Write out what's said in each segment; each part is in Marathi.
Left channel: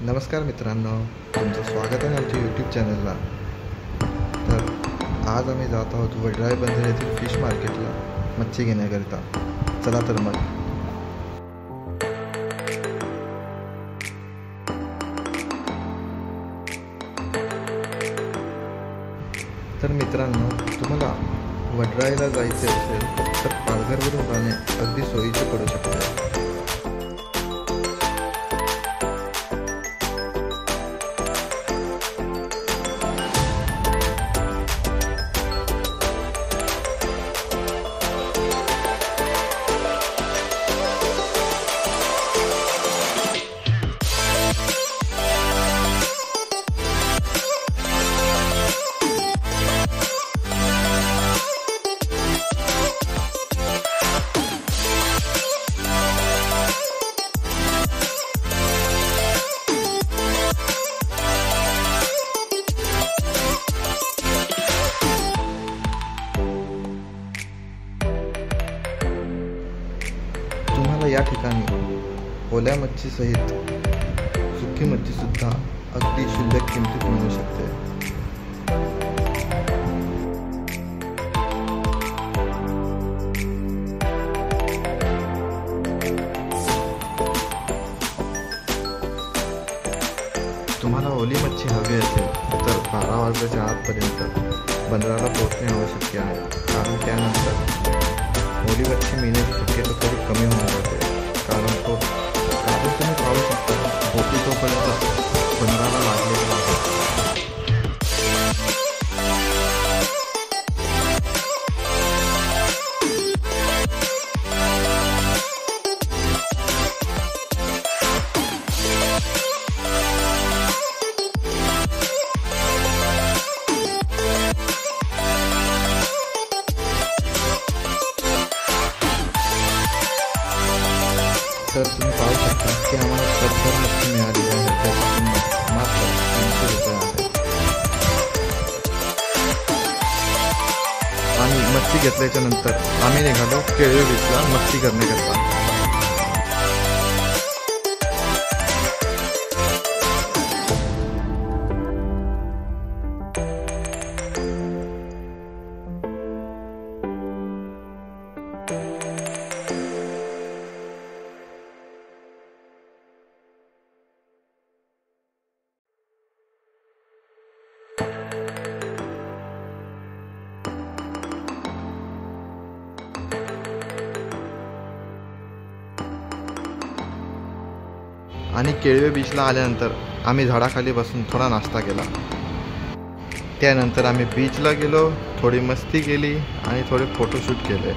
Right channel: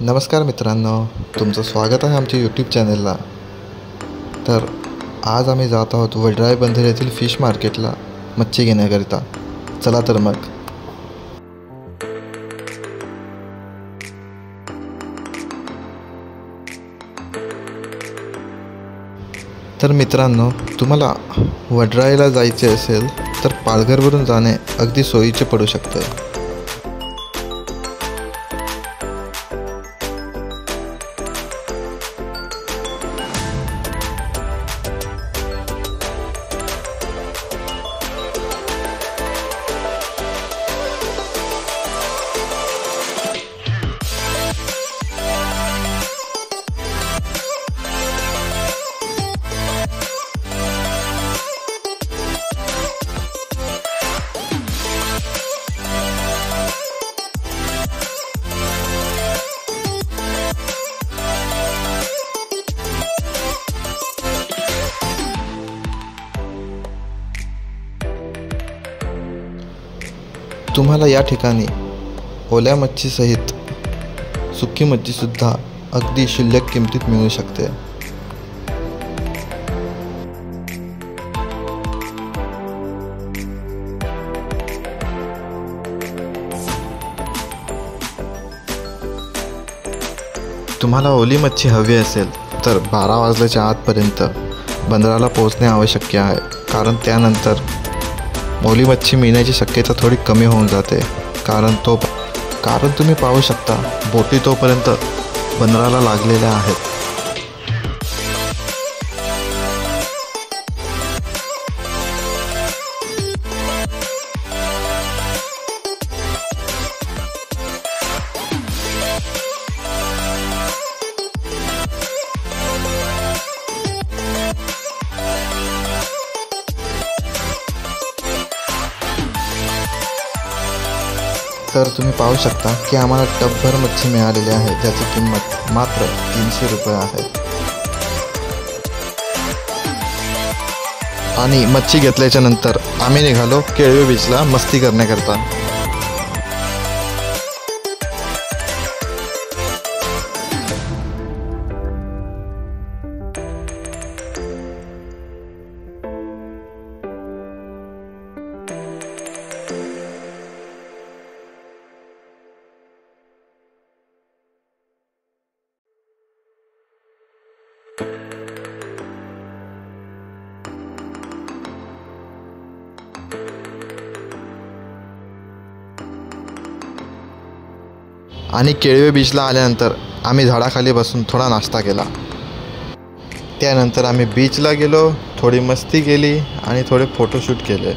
नमस्कार मित्रांनो, तुमचं स्वागत आहे आमच्या यूट्यूब चॅनलला। तर आज आम्ही जात आहोत वडराई बंदर येथील फिश मार्केटला मच्छी घेण्याकरिता। चला तर मग। तर मित्रांनो, तुम्हाला वडराईला जायचे असेल तर पालघरवरून जाणे अगदी सोयीचे पडू शकते। तुम्हाला या ठिकाणी ओल्या मच्छी सहित सुकी मच्छी सुद्धा अगदी क्षुल्लक किमतीत मिळू शकते। तुम्हाला ओली मच्छी हवी असेल तर 12 वाजल्याच्या आतपर्यंत बंदराला पोहोचणे आवश्यक आहे, कारण त्यानंतर ओली मच्छी मिळण्याची शक्यता थोडी कमी होऊन जाते। कारण तुम्ही पाहू शकता बोटी तोपर्यंत बंदराला लागलेल्या आहेत। तर तुम्ही पाहू शकता की आम्हाला टबभर मच्छी मिळालेली आहे, ज्याची किंमत मात्र 300 रुपये आहे। आणि मच्छी घेतल्याच्या नंतर आम्ही निघालो केळवे बीचला मस्ती करण्याकरता। आणि केळवे बीचला आल्यानंतर आम्ही झाडाखाली बसून थोडा नाश्ता केला। त्यानंतर आम्ही बीचला गेलो, थोडी मस्ती केली आणि थोडे फोटोशूट केले।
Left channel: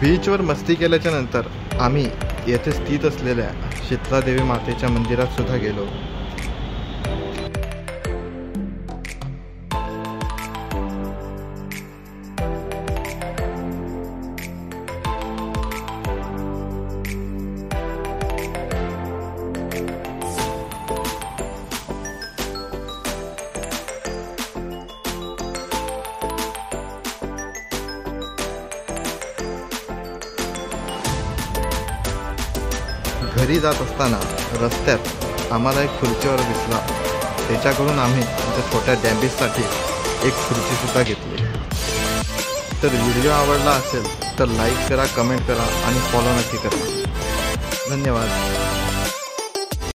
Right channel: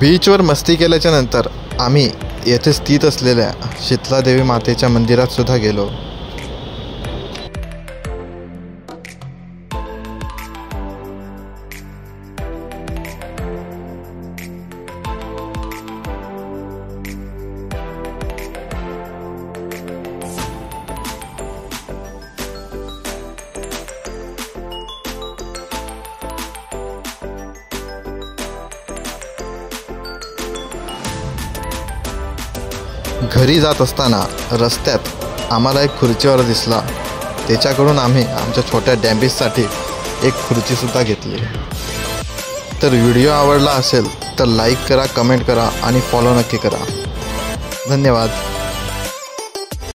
बीचवर मस्ती केल्याच्या नंतर आम्ही येथे स्थित असलेल्या शीतलादेवी मातेच्या मंदिरात सुद्धा गेलो। घरी जात असताना रस्त्यात आम्हाला एक खुर्चीवर दिसला, त्याच्याकडून आम्ही आमच्या छोट्या डॅम्बिससाठी एक खुर्चीसुद्धा घेतली। तर व्हिडिओ आवडला असेल तर लाईक करा, कमेंट करा आणि फॉलो नक्की करा। धन्यवाद।